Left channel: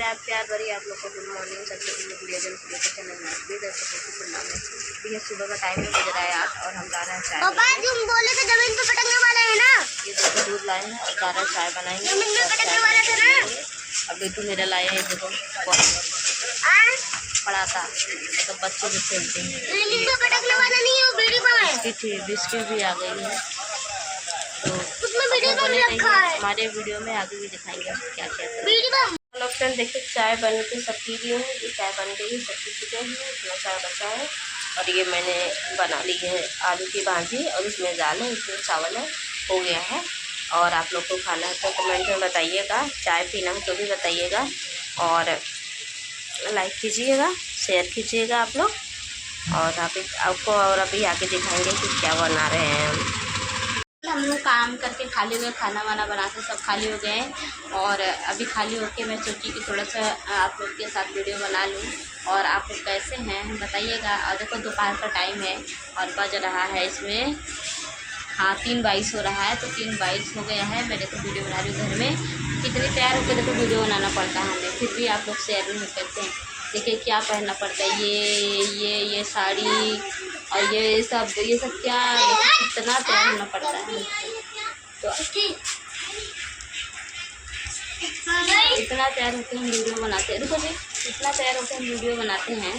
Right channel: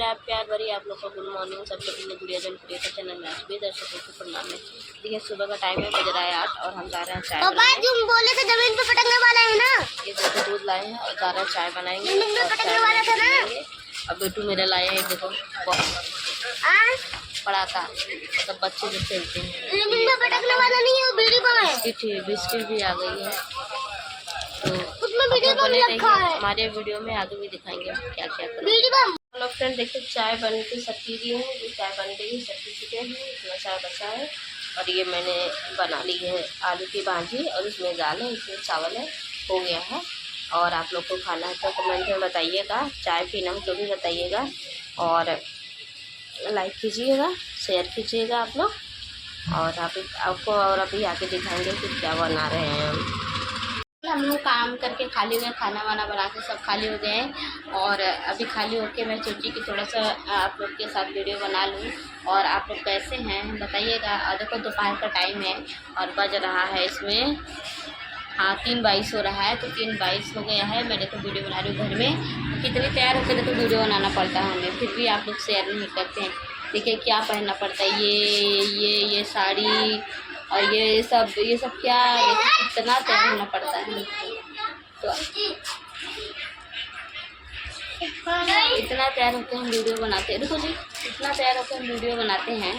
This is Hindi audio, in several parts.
मेरा प्यार भरी आप लोग को गुड मॉर्निंग। सबसे पहले गुड़िया जन प्रिय का चैनल में सभी दर्शकों को प्रणाम है। देखिए सुबह का टाइम है, बज रहा है 8 और हम जा रहे हैं चाय बनाने। तुम बोले थे जमीन पे पटकने वाले हैं ना। ये देखो दूध लाए हैं और जा रहे हैं चाय बनाएंगे और चाय बनाएंगे। अब बेटू मेरा लाए हैं, देखो पड़ाका, मतलब बच्चे जो खेलते हैं। बिस्किट भी आ गई है, तो बने रहेंगे हमारे वीडियो में, आगे भी दिखाएंगे क्या क्या करें। हेलो फ्रेंड, देखिए चाय बन के सब पी लिए हैं। ये चाय बन गई, सब पी चुके हैं। इतना चाय बचा है और ये मैंने बना ली है आलू की भाजी और इसमें दाल है, इसमें चावल है, हो गया है। और आप लोग को खाना है तो कमेंट में बताइएगा, चाय पीना है तो भी बताइएगा और लाइक कीजिएगा, शेयर कीजिएगा आप लोग। और आपको और अभी आके दिखाएंगे कि क्या बना रहे हैं हम लोग। काम करके खाली हुए, खाना वाना बना के सब खाली हो गए हैं और अभी खाली होके मैं सोची कि थोड़ा सा आप लोग के साथ वीडियो बना लूँ। और आप लोग कैसे हैं बताइएगा। और देखो दोपहर का टाइम है और बज रहा है इसमें 3:22 हो रहा है, तो 3:22 हो गया है। मैं देखो वीडियो बना रही हूँ घर में, कितनी तैयार होकर देखो वीडियो बनाना पड़ता है हमें, फिर भी आप लोग शेयर नहीं करते हैं। देखिए क्या पहनना पड़ता है, ये साड़ी और ये सब क्या, देखिए कितना तैयार होना पड़ता है। तो इतना तैयार होकर हम वीडियो बनाते हैं। देखो जी, इतना तैयार होकर हम वीडियो बनाते हैं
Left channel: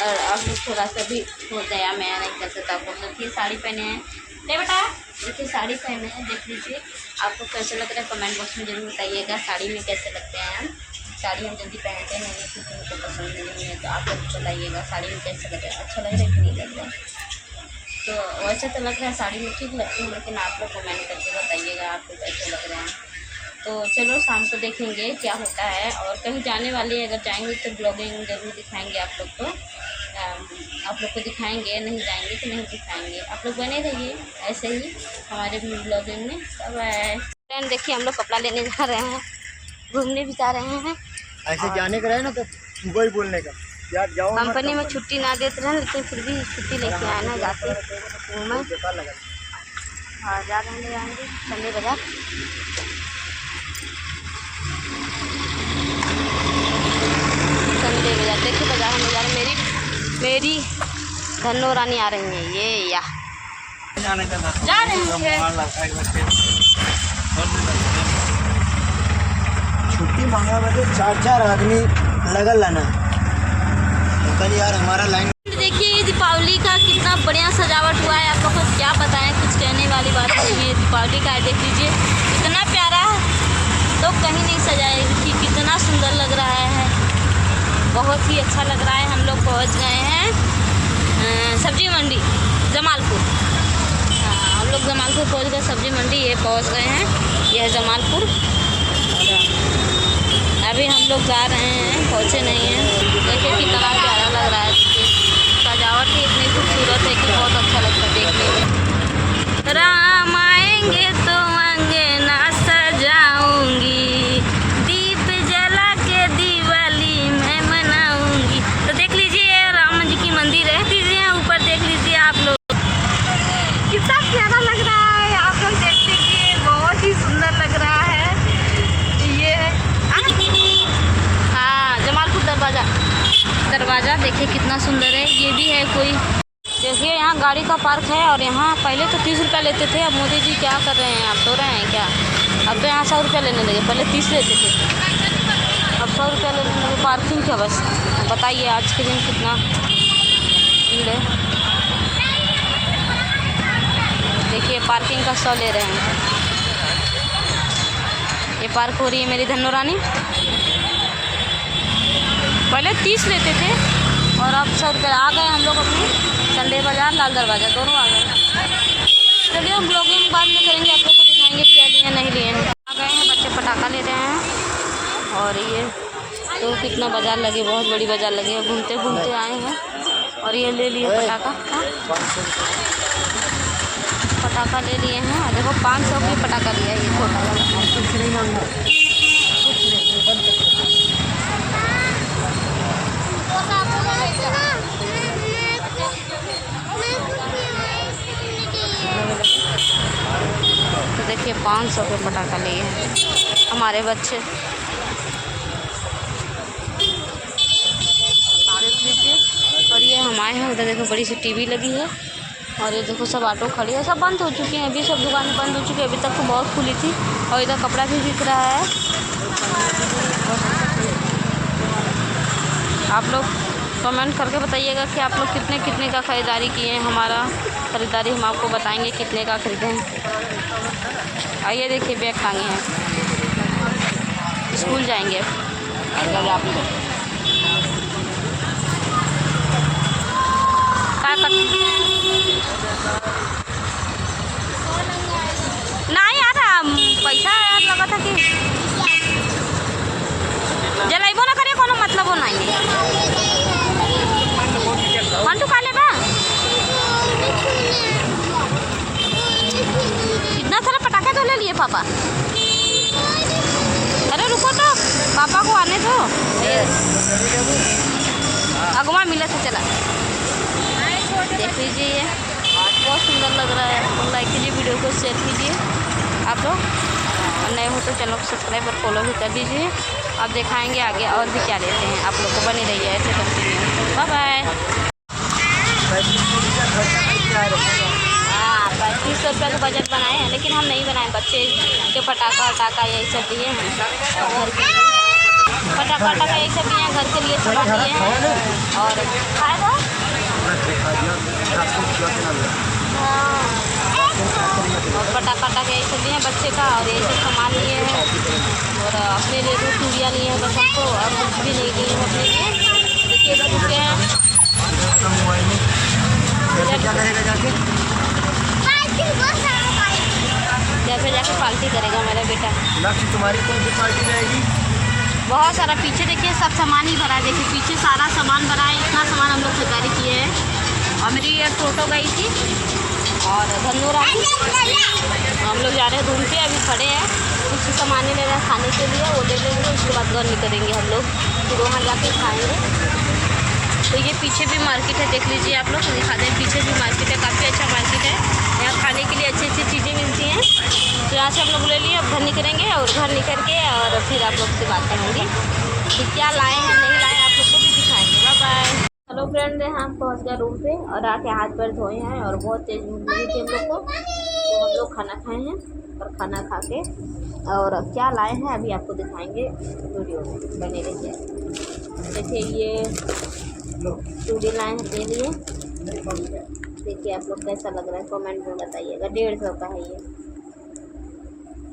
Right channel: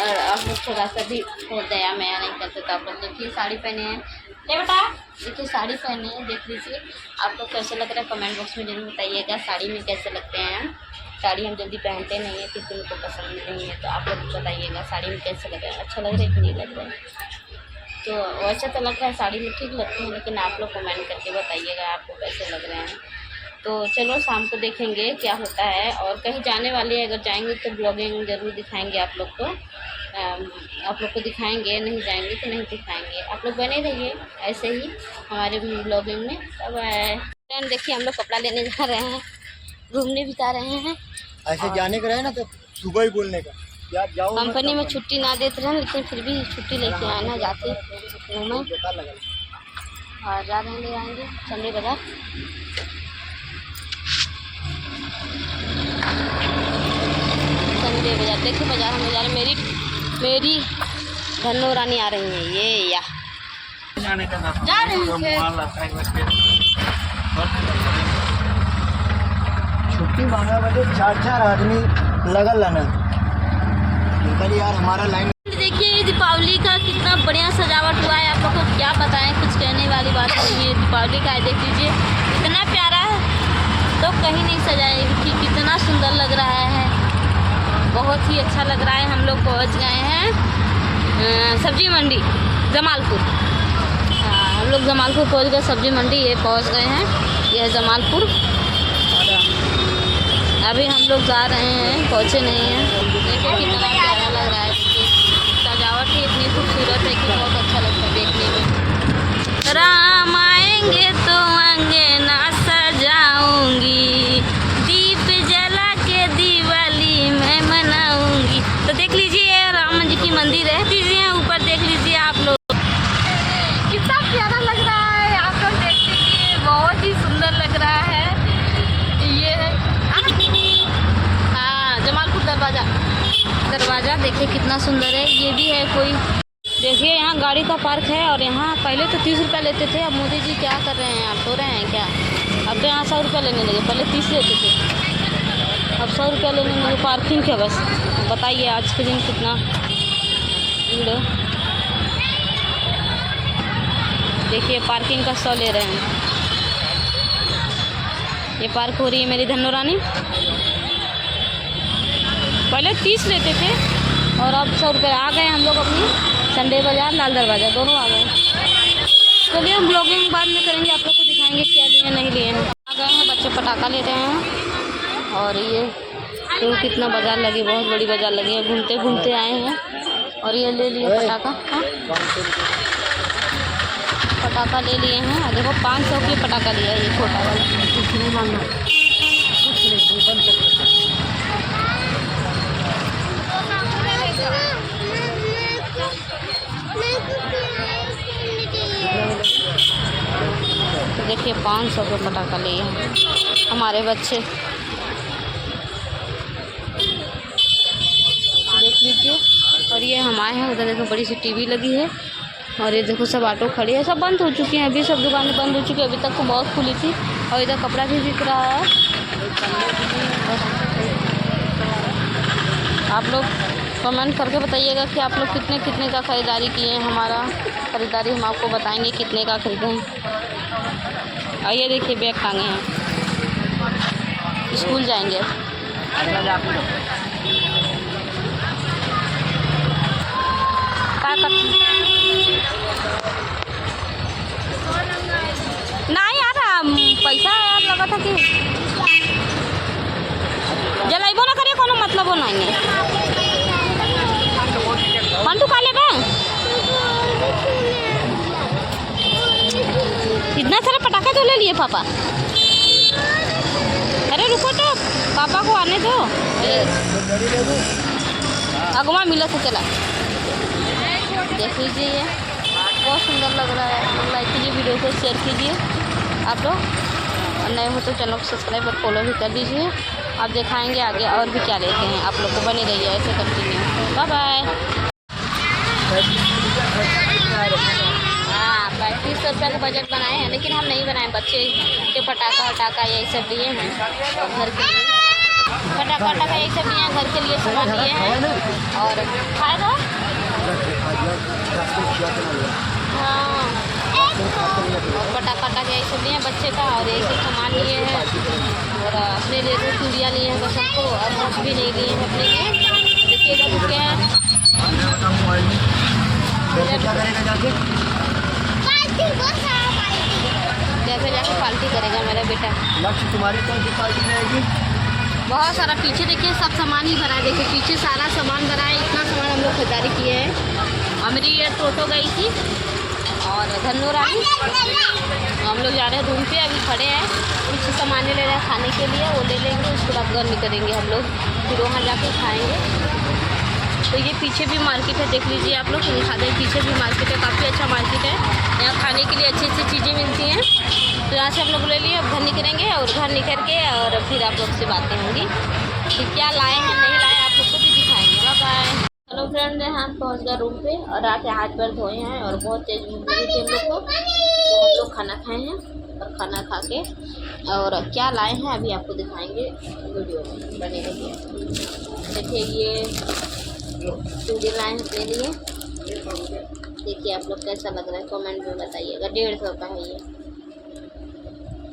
और आप लोग थोड़ा सा भी हो दया मैं नहीं करते। तो आप लोग देखिए साड़ी पहने हैं, ले बेटा देखिए साड़ी पहने हैं, देख लीजिए आप लोग कैसे लग रहा है कमेंट बॉक्स में जरूर बताइएगा। साड़ी में कैसे लगते हैं, साड़ी हम जल्दी पहनते नहीं है क्योंकि उनको पसंद नहीं है, तो आप लोग बताइएगा साड़ी में कैसे लग रहा है, अच्छा लग रहा है कि नहीं लग रहा है। तो वैसे तो लग रहा है साड़ी में ठीक लगती है, लेकिन आप लोग कमेंट करके बताइएगा आपको कैसे लग रहे हैं। तो चलो शाम को देखेंगे क्या होता है। और कहीं जाने वाले अगर जाएंगे तो ब्लॉगिंग ज़रूर दिखाएंगे आप लोग को, आप लोग को दिखाएंगे, नहीं जाएंगे तो नहीं दिखाएंगे। आप लोग बने रहिए ऐसे ही हमारे ब्लॉगिंग में। तब फ्रेंड देखिए हम लोग कपड़ा लेने जा रहे हैं, घूमने भी जा रहे हैं। ऐसे जाने का रहे ना तो सुबह ही बोलने का यार, जाओ कंपनी में छुट्टी ना देते रहे, लेकिन फिर भी छुट्टी लेके आना, जाते घूमें और जा रहे हैं, ले आएंगे संडे बाजार। संडे बाजार देखिए, बाजार हम जा रहे हैं। मेरी धनो रानी आ रही है, ये या जा रहे हैं। छुट्टी मांगा बजे 4 आदमी लगल लाना कल यार हमारा लाइन। देखिए दीपावली का कितना बढ़िया सजावट हुआ है, आप लोग को क्या बताएं, कुछ कहने वाली बात नहीं है। दीपावली का देख लीजिए इतना प्यारा है, तो कहीं नहीं सजाए कि कितना सुंदर लग रहा है, बहुत ही अच्छा लग रहा है। हम लोग पहुंच गए हैं सब्जी मंडी जमालपुर। हम लोग जमालपुर पहुंच गए, सब्जी मंडी ये पहुंच गए हैं, यह है जमालपुर। और अभी हम लोग जा रहे हैं, पहुंचे नहीं हैं। देखिए कितना प्यारा लग रहा है, सजावट भी इतनी खूबसूरत है कि बहुत अच्छा लगता है देखने में। राम आएंगे तो अंगना सजाऊंगी, दीप जला के दिवाली मैं मनाऊंगी। तो देख लीजिए राम जी की मंदिर है, दीजिए ऊपर देख लीजिए आप लोग, कितना प्यारा लग रहा है। आप लोग देख लीजिए बहुत ही सुंदर लग रहा है। ये हाँ जमालपुर दरवाज़ा देखिए कितना सुंदर है। ये भी है कोई, देखिए यहाँ गाड़ी का पार्क है। और यहाँ पहले तो 30 रुपये लेते थे, अब मोदी जी क्या कर रहे हैं, आप सो रहे हैं क्या? अब तो यहाँ 100 रुपये लेने लगे, पहले 30 लेते थे, अब 100 रुपये लेने लगे पार्किंग के। बस बताइए आज के दिन कितना भीड़ है। देखिए पार्किंग का 100 ले रहे हैं। ये पार्क हो रही है मेरी धनो रानी, पहले 30 लेते थे और अब 100 रुपये। आ गए हम लोग अपनी संडे बाज़ार, लाल दरवाज़ा दोनों आ गए। चलिए हम ब्लॉगिंग बाद में करेंगे, आप लोग को दिखाएंगे क्या लिए नहीं लिए। आ गए हैं, बच्चे पटाखा ले रहे हैं। और ये तो कितना बाज़ार लगी, बहुत बड़ी बाज़ार लगी है, घूमते घूमते आए हैं। और ये ले लिए पटाखा, पटाखा ले लिए हैं। देखो 500 की पटाखा लिया है, ये छोटा वाला। तो देखिए 500 के पटाखा लिए हैं हमारे बच्चे। हम आए हैं। उधर देखो बड़ी सी टीवी लगी है और ये देखो सब ऑटो खड़ी है, सब बंद हो चुकी हैं। अभी सब दुकानें बंद हो चुकी है, अभी तक तो बहुत खुली थी। और इधर कपड़ा भी बिक रहा है। आप लोग कमेंट करके बताइएगा कि आप लोग कितने कितने का ख़रीदारी किए हैं। हमारा ख़रीदारी हम आपको बताएंगे कितने का ख़रीदे हैं। आइए देखिए बैग टांगे हैं, स्कूल जाएंगे ना यार, पैसा यार लगा था कि जलाइबो ना करिए, कोनो मतलब हो नहीं है। मंटू खा लेगा, इतना सारा पटाखा तो ले लिए पापा। अरे रुको तो, पापा को आने दो। अगवा मिला से चला, देख लीजिए बहुत सुंदर लग रहा है। तो लाइक कीजिए, वीडियो को शेयर कीजिए आप लोग, और नए हो तो चैनल को सब्सक्राइब और फॉलो भी कर दीजिए। आप दिखाएंगे आगे और भी क्या लेते हैं। आप लोग को बनी रहिए ऐसे कंटिन्यू। Bye bye. हाँ 3500 रुपये का बजट बनाए हैं, लेकिन हम नहीं बनाए। बच्चे के पटाखा वटाखा यही सब लिए हैं, और घर के लिए पटाखा वटाखा यही सब लिए हैं, घर के लिए सामान लिए हैं। और खाएगा हाँ, और पटाखा वटाखा यही सब लिए हैं बच्चे का, और यही सब सामान लिए हैं। और अपने लिए तो चूड़ियाँ लिए हैं बस हमको, और कुछ भी नहीं लिए हैं अपने लिए। देखिए इधर रुके हैं, जैसे जाके पार्टी करेगा मेरा बेटा। तुम्हारी कौन सी पार्टी रहेगी? बहुत सारा पीछे देखिए सब सामान ही भरा है। देखिए पीछे सारा सामान भरा है, इतना सामान हम लोग खरीदारी किए हैं। और मेरी ये टोटो गई थी और धनुरा हम लोग जा रहे हैं रूम पे, अभी खड़े हैं। कुछ सामान ले रहे हैं खाने के लिए, वो ले लेंगे, उसके बाद घर निकलेंगे हम लोग, फिर वहाँ जाके खाएँगे। तो ये पीछे भी मार्केट है, देख लीजिए आप लोग, दिखा दें। पीछे भी मार्केट है, काफ़ी अच्छा मार्केट है। यहाँ खाने के लिए अच्छी अच्छी चीज़ें मिलती हैं। तो यहाँ से हम लोग ले लिए, अब घर निकलेंगे, और घर निकल के और फिर आप लोग से बातें होंगी कि क्या लाए हैं नहीं लाए, आप लोग को भी दिखाएंगे। Bye bye. हेलो फ्रेंड, हम पहुँच गए रूम पे और आके हाथ पैर धोए हैं, और बहुत तेज़ भूख लगी थी हम लोग को। तो हम लोग खाना खाए हैं, और खाना खा के और क्या लाए हैं अभी आपको दिखाएंगे, वीडियो में बने रहिए। देखिए ये चूड़ी लाए हैं अपने लिए, देखिए आप लोग कैसा लग रहा है कमेंट में बताइएगा। 150 का है ये,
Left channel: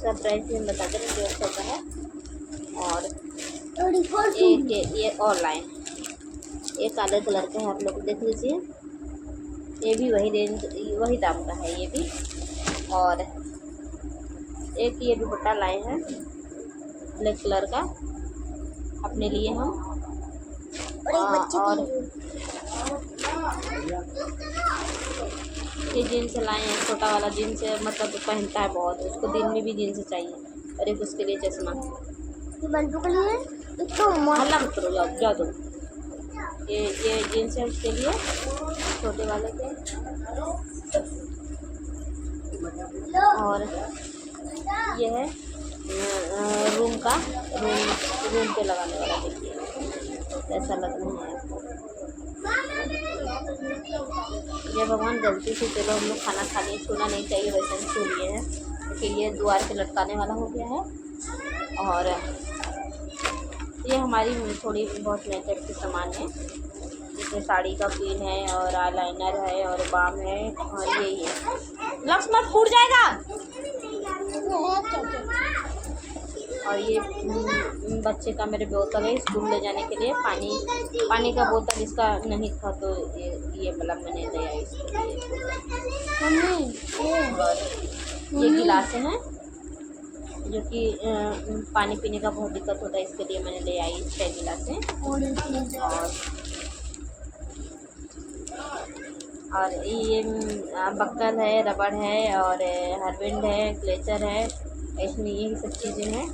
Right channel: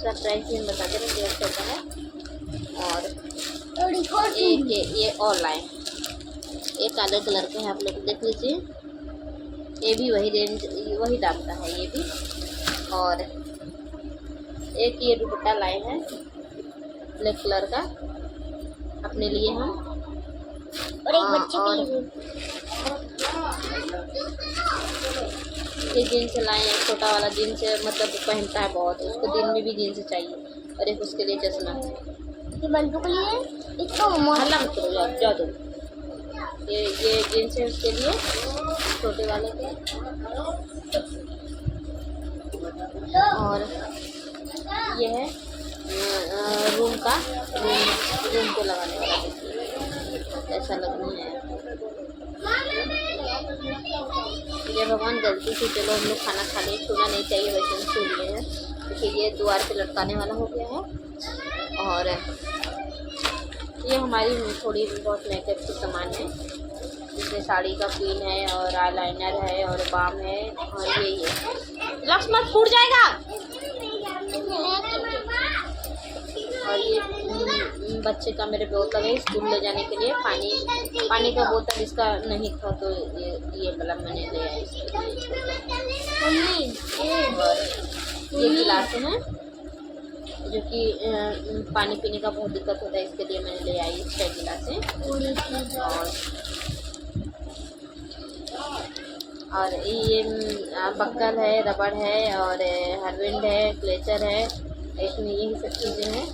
सरप्राइज में बता दे रहे 150 का है। और एक ये और लाए, ये काले कलर का है, आप लोग देख लीजिए। ये भी वही रेंज वही दाम का है ये भी। और एक ये दुपट्टा लाए हैं ब्लैक कलर का अपने लिए हम। और ये जीन्स लाए हैं, छोटा वाला जीन्स है, मतलब पहनता है बहुत, उसको दिन में भी जीन्स चाहिए। और एक उसके लिए चश्मा, हल्ला मत करो, जाओ तुम। ये जीन्स है उसके लिए, छोटे वाले के। और ये है रूम का, रूम पे लगाने वाला, देखिए कैसा लगना है। जय भगवान, गलती से चलो हम लोग खाना खा लिए, छूना नहीं चाहिए, वैसे हम छू लिए हैं। देखिए ये द्वार पे लटकाने वाला हो गया है। और ये हमारी थोड़ी बहुत मेकअप की सामान है, जिसमें साड़ी का पिन है, और आईलाइनर है, और बाम है, और यही है। लक्ष्य मत फूट जाएगा। और ये बच्चे का मेरे बोतल है स्कूल ले जाने के लिए, पानी का बोतल इसका नहीं था, तो ये मतलब मैंने ले आई इसके लिए। और ये गिलासें हैं, जो कि पानी पीने का बहुत दिक्कत होता है, इसके लिए मैंने ले आई 6 गिलासें। और ये बक्कल है, रबड़ है, और हरविंड है, क्लेचर है, इसमें यही सब चीज़ें हैं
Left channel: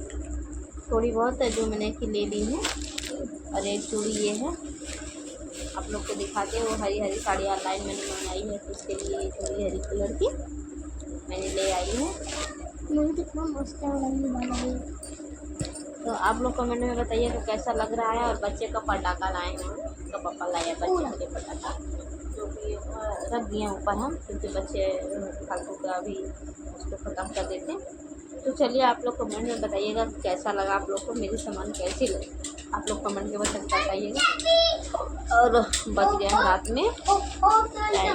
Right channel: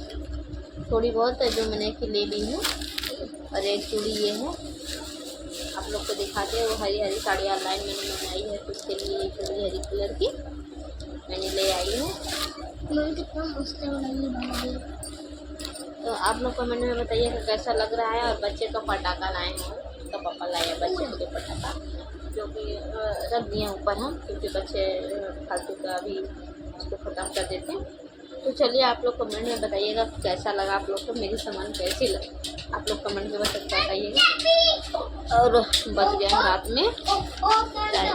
थोड़ी बहुत जो मैंने कि ले ली हूँ। और एक चूड़ी ये है, आप लोग को दिखाते हैं। वो हरी साड़ी ऑनलाइन मैंने मंगाई है, तो उसके लिए ये चूड़ी हरी कलर की मैंने ले आई है। कितना मस्त है। तो आप लोग कमेंट में बताइएगा कैसा लग रहा है। और बच्चे का पटाखा लाए हैं, इसका पापा लाया बच्चे के लिए पटाखा, जो कि रख दिए ऊपर हम, क्योंकि बच्चे फालतू का अभी उसको ख़त्म कर देते हैं। तो चलिए आप लोग कमेंट में बताइएगा कैसा लगा आप लोग को, मेरी सामान कैसी लगी, आप लोग कमेंट में बताइएगा। और बज गया रात में टाइम,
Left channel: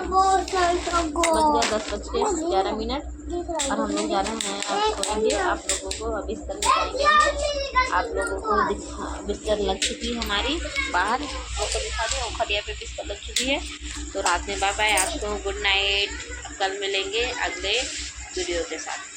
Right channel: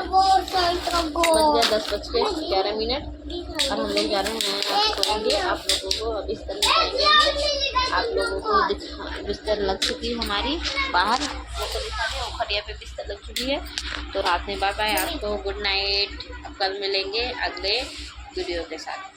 बज गया 10:11 और हम लोग जा रहे हैं आप सोएंगे। आप लोगों को अभी बिस्तर में जाएंगे हम, आप लोगों को बिस्तर लग चुकी है हमारी बाहर, वो तो दिखा दो, खटिया पे बिस्तर लग चुकी है। तो रात में बाय बाय, आपको गुड नाइट, कल मिलेंगे अगले वीडियो के साथ।